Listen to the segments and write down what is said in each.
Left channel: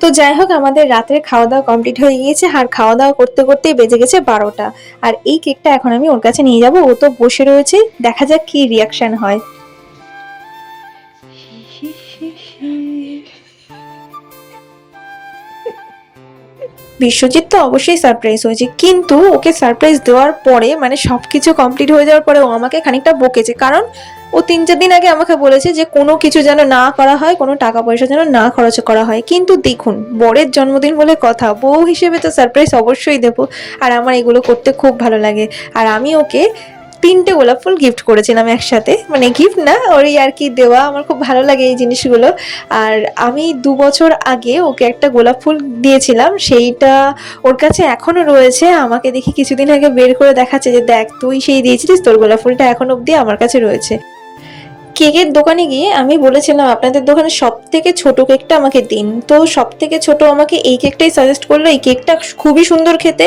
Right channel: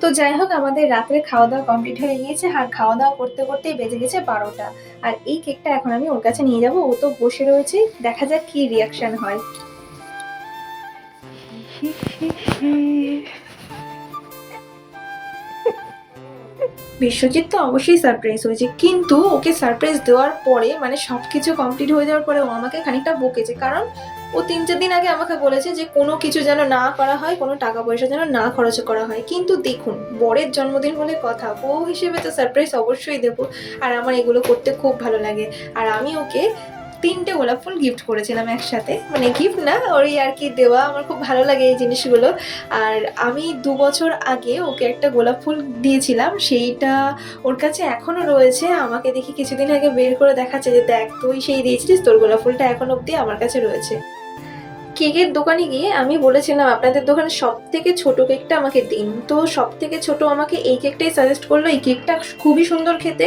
তো যাই হোক, আমাদের রাতের খাওয়া দাওয়া কমপ্লিট হয়ে গিয়েছে, আর খাওয়া দাওয়া করতে করতেই বেজে গেছে 12টা। আর এই কেকটা এখন আমি ওর কাছে নিয়ে যাব, ও তো বসে রয়েছে, দেখা যাক কি রিয়াকশন হয়। বিশ্বজিৎ তো অবশ্যই সারপ্রাইজ হয়েছে, কিন্তু ওকে সারপ্রাইজ দেওয়ার পরে মানে সবকিছু কমপ্লিট হয়ে যাওয়ার পরে ও আমাকে খানিকটা বকেছে, কারণ ও 3-4 দিন আগে আমাকে বলেছে যে কোনো কিছু যেন না করা হয়, কোনো টাকা পয়সা যেন না খরচ করা হয়। কিন্তু দেখুন, বরের জন্মদিন বলে কথা, বউ হিসেবে তো সারপ্রাইজ অবশ্যই দেবো। আর আমার এগুলো করতে খুব ভালো লাগে। আর আমি ওকে 3টে গোলাপ ফুল গিফট করেছিলাম একসাথে, মানে গিফট না, ওরই আর কি দেওয়া। আমার খুব ভালো লাগে এই জিনিসগুলো। আর আমি 2 বছর আগে ওকে একটা গোলাপ ফুল দিয়েছিলাম, সেইটা ওর কাছে এখনো রয়েছে। আমাকে দেখি কিছুদিন আগে বের করে দেখাচ্ছে যে দেখ, তুই সেই দিয়েছিলিস, তোর গোলাপ ফুলটা এখন অব্দি আমার কাছে রয়েছে। কেকের দোকানে গিয়ে আমি বলেছিলাম আপনাদের দোকানে সব থেকে ছোট কেকটা আমাকে দিন, তো সব থেকে ছোট আমাকে এই কেকটাই সাজেস্ট করলো। এই কেকটা খুবই সুন্দর খেতে।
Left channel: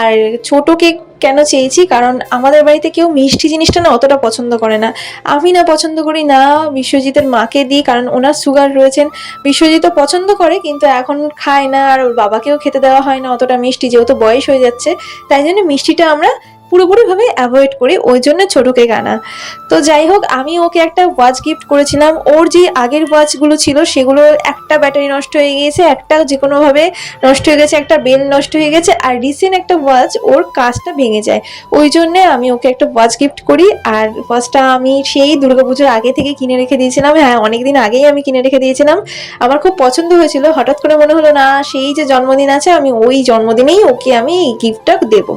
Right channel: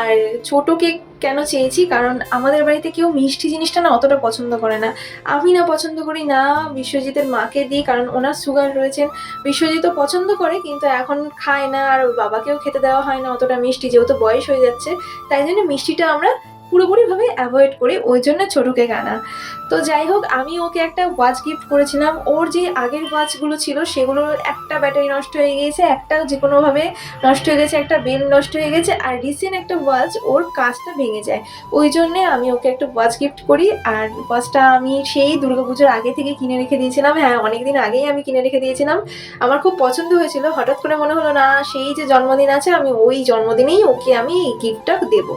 আর ছোট কেক কেন চেয়েছি, কারণ আমাদের বাড়িতে কেউ মিষ্টি জিনিসটা না অতটা পছন্দ করে না। আমি না পছন্দ করি, না বিশ্বজিতের মাকে দিই, কারণ ওনার সুগার রয়েছেন। বিশ্বজিৎও পছন্দ করে কিন্তু এখন খায় না, আর ওর বাবাকেও খেতে দেওয়া হয় না অতটা মিষ্টি, যেহেতু বয়স হয়ে যাচ্ছে। তাই জন্য মিষ্টিটা আমরা পুরোপুরিভাবে অ্যাভয়েড করি, ওই জন্য ছোট কেক আনা। তো যাই হোক, আমি ওকে একটা ওয়াচ গিফট করেছিলাম। ওর যে আগের ওয়াচগুলো ছিল সেগুলো একটা ব্যাটারি নষ্ট হয়ে গিয়েছে, একটা যে কোনোভাবে নষ্ট হয়ে গেছে, একটা বেল নষ্ট হয়ে গেছে, আর রিসেন্ট একটা ওয়াচ ওর কাজটা ভেঙে যায়। ওই জন্যে আমি ওকে একটা ওয়াচ গিফট করি। আর ওয়াচটা আমি সেই দুর্গাপুজোর আগে থেকে কিনে রেখে দিয়েছিলাম, হ্যাঁ অনেকদিন আগেই আমি কিনে রেখে দিয়েছিলাম। আমার খুব পছন্দ হয়েছিল, হঠাৎ করে মনে হলো না সেই যে জন্মদিন আছে, আমি ওই জন্মদিনেই ওকে আমি এই গিফটটা দেবো।